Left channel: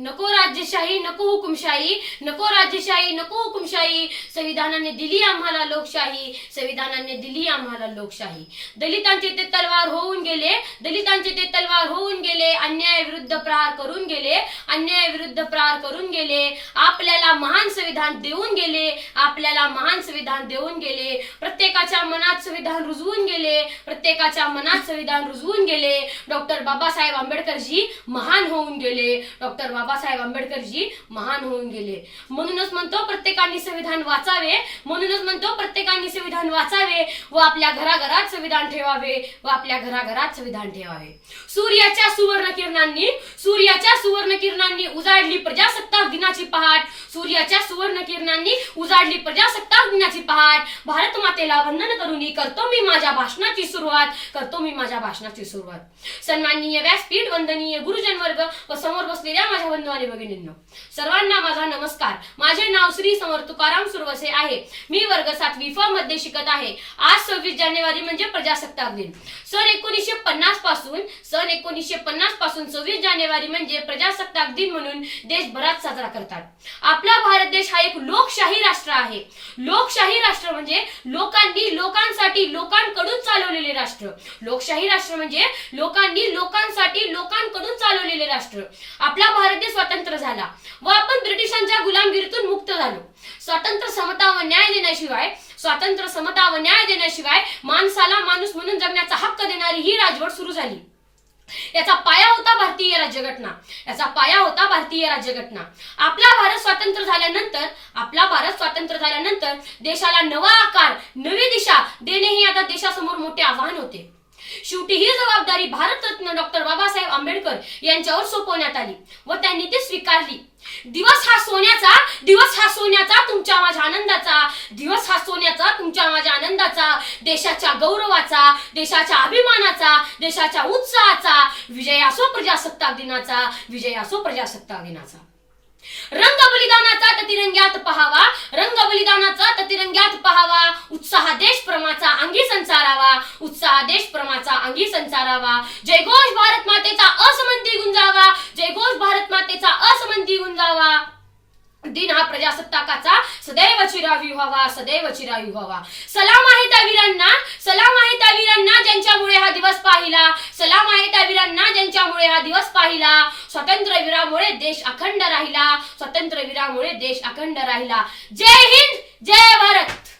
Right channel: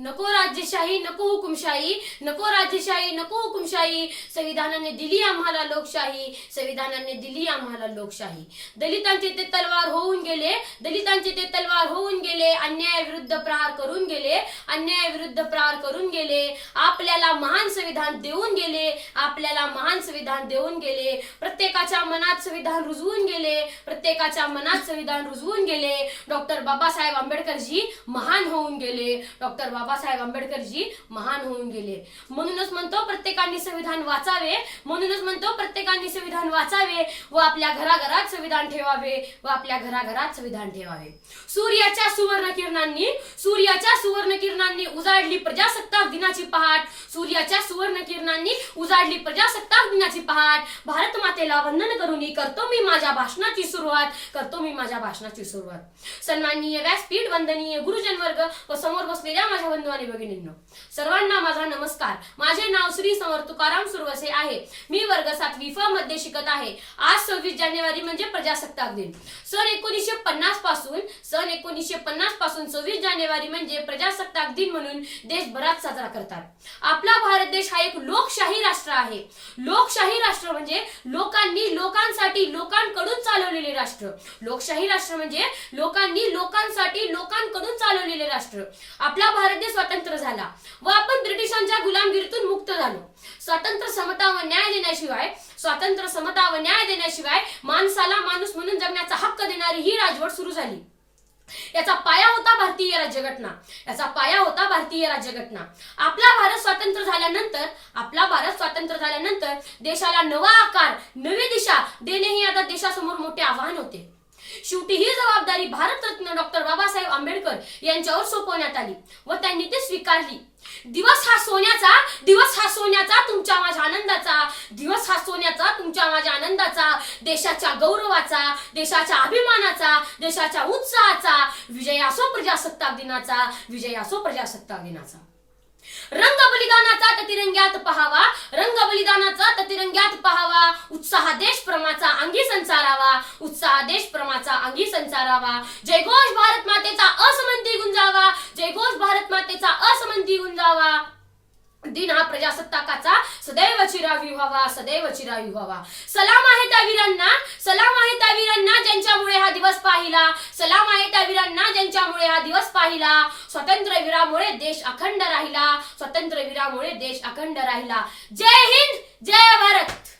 नको राज्यशाही नको हुकुमशाही नको राज्यशाही नको हुकुमशाही. संविधानाने दिली आम्हाला लोकशाही संविधानाने दिली आम्हाला लोकशाही. दलितांचे ते तलवार होऊन गेले दलितांचे ते तलवार होऊन गेले अन्यायाविरुद्ध प्रहार करून गेले अन्यायाविरुद्ध प्रहार करून गेले. आपल्याला महान संविधान देऊन गेले आपल्याला महान संविधान देऊन गेले. प्रत्येकाच्या मनात संविधान रुजवून गेले प्रत्येकाच्या मनात संविधान रुजवून गेले. डॉक्टर बाबासाहेब आंबेडकरजी महान होऊन गेले. डॉक्टर बाबासाहेब आंबेडकरजी महान होऊन गेले. म्हणूनच म्हणतो प्रत्येकाने संविधान वाचावे म्हणूनच म्हणतो प्रत्येकाने संविधान वाचावे व आपल्या घराघरात संविधान ठेवावे व आपल्या घराघरात संविधान ठेवावे. सूर्याच्या सुवर्ण किरणांनी सूर्याच्या सुवर्ण किरणांनी उजाडली प्रजासत्ताक दिनाची पहाट सूर्याच्या सुवर्ण किरणांनी उजाडली प्रजासत्ताक दिनाची पहाट. भारत मातेला वंदन करून करतो मी माझ्या भाषणाची सुरुवात करतो मी माझ्या भाषणाची सुरुवात. सन्माननीय व्यासपीठ वंदनीय गुरुजन वर्ग व समोर बसलेल्या माझ्या बंधू आणि भगिनींनो सर्वांना माझा नमस्कार. माझे नाव श्री समर तुकाराम सुरवसे आहे. मी वर्ग सातवी फ मध्ये शिकत आहे. आज सव्वीस जानेवारी म्हणजे प्रजासत्ताक दिन सन एकोणीसशे पन्नासपासून सन एकोणीसशे पन्नासपासून सव्वीस जानेवारी म्हणजे प्रजासत्ताक दिन म्हणून देशभरात साजरा करतात. आपला भारत देश हा एक लोकशाही राष्ट्र आहे. लोकशाही राष्ट्र म्हणजे लोकांनी लोकांसाठी लोकांकडून चालवलेले राष्ट्र. लोकशाही राष्ट्र म्हणजे लोकांनी लोकांसाठी लोकांकडून चालवलेले राष्ट्र. आपला भारत देश स्वतंत्र झाला व आपण ब्रिटिशांच्या गुलामगिरीतून मुक्त झालो. स्वातंत्र्य समता व न्याय देण्याशिवाय स्वातंत्र्य समता व न्याय देण्याशिवाय माणसाला माणूस म्हणून जगण्याचा हक्क देणारी ही राजवट सुरू झाली. याचा पाया होता भारतीय राज्यघटना. याचा पाया होता भारतीय राज्यघटना. आपला भारत स्वातंत्र्य झाल्यानंतर आपला भारत स्वातंत्र्य झाल्यानंतर देशाला नवा आकार नवी दिशा देणे हे आता देशासमोर मोठे आव्हान होते. शेवटी ही जबाबदारी भारतरत्न डॉक्टर बाबासाहेब आंबेडकर यांच्यावर सोपवण्यात आली व त्यांनी ती स्वीकारली. दिवस हा सोन्याचा दिवस हा सोन्याचा तुमच्या माझ्या आनंदाचा दिवस हा सोन्याचा तुमच्या माझ्या आनंदाचा देशाच्या गौरवाचा देशाच्या अभिमानाचा देशाच्या उत्साहाचा विजय असो प्रजासत्ताक दिनाचा विजय असो प्रजासत्ताक दिनाचा. रंग बलिदानाचा ततिरंग्यात पहावा रंग बलिदानाचा ततिरंग्यात पहावा उत्साह देश प्रमाचा अंगी संचारावा उत्साह देश प्रमाचा अंगी संचारावा. जयघोष भारत मातेचा असमंती गुंजावा जयघोष भारत मातेचा असमंती गुंजावा. दिन हा प्रजासत्ताकाचा सदैव चिरावी व्हावा सदैव चिरावी व्हावा. सलाम आहे त्या वीरांना सलाम आहे त्या वीरांना ज्यांच्यामुळे हा दिवस पाहिला. सलाम आहे त्या वीरांना ज्यांच्यामुळे हा दिवस पाहिला. स्वतंत्र वीरामुळे देश अखंड राहिला. स्वतंत्र वीरामुळे देश अखंड राहिला. जय हिंद जय भारत.